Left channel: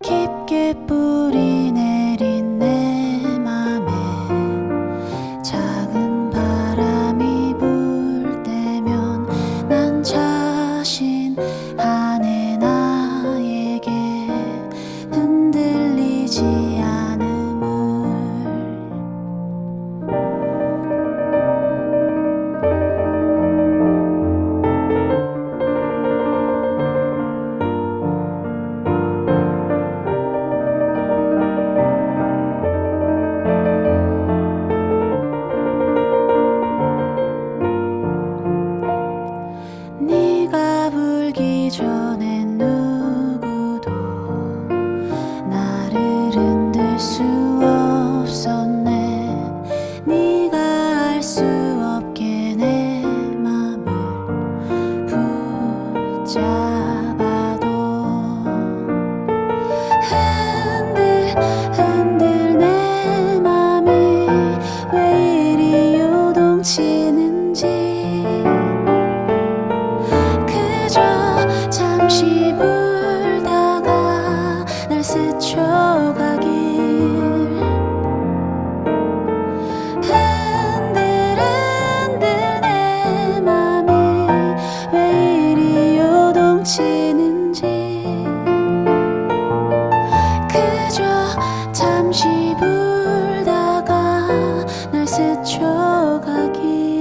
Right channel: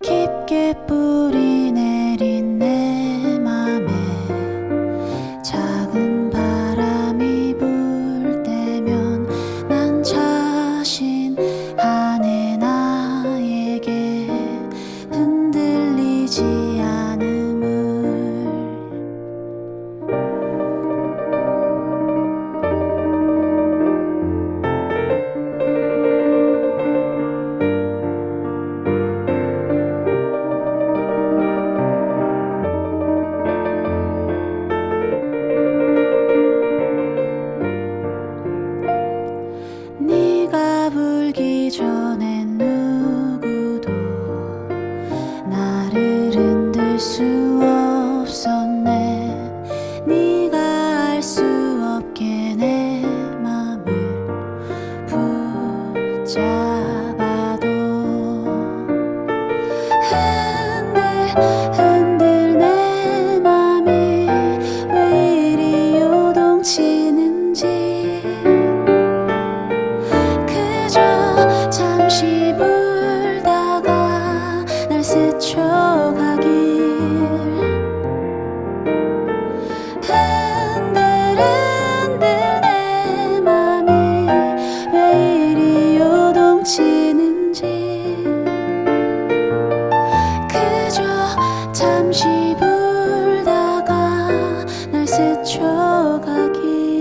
깊게 뿌리 내린 내 맘에 작은 바람이 불 때면 난 자신하네 나에 전엔 누구도 나를 흔들 수 없었네. 네가 알 수 없게 내 맘을 붙잡 불다가 날 스쳐가길. 흔들흔들 내 맘이 왜 이리 요동치는지. 그저 잠시 불다가 날 스쳐가길.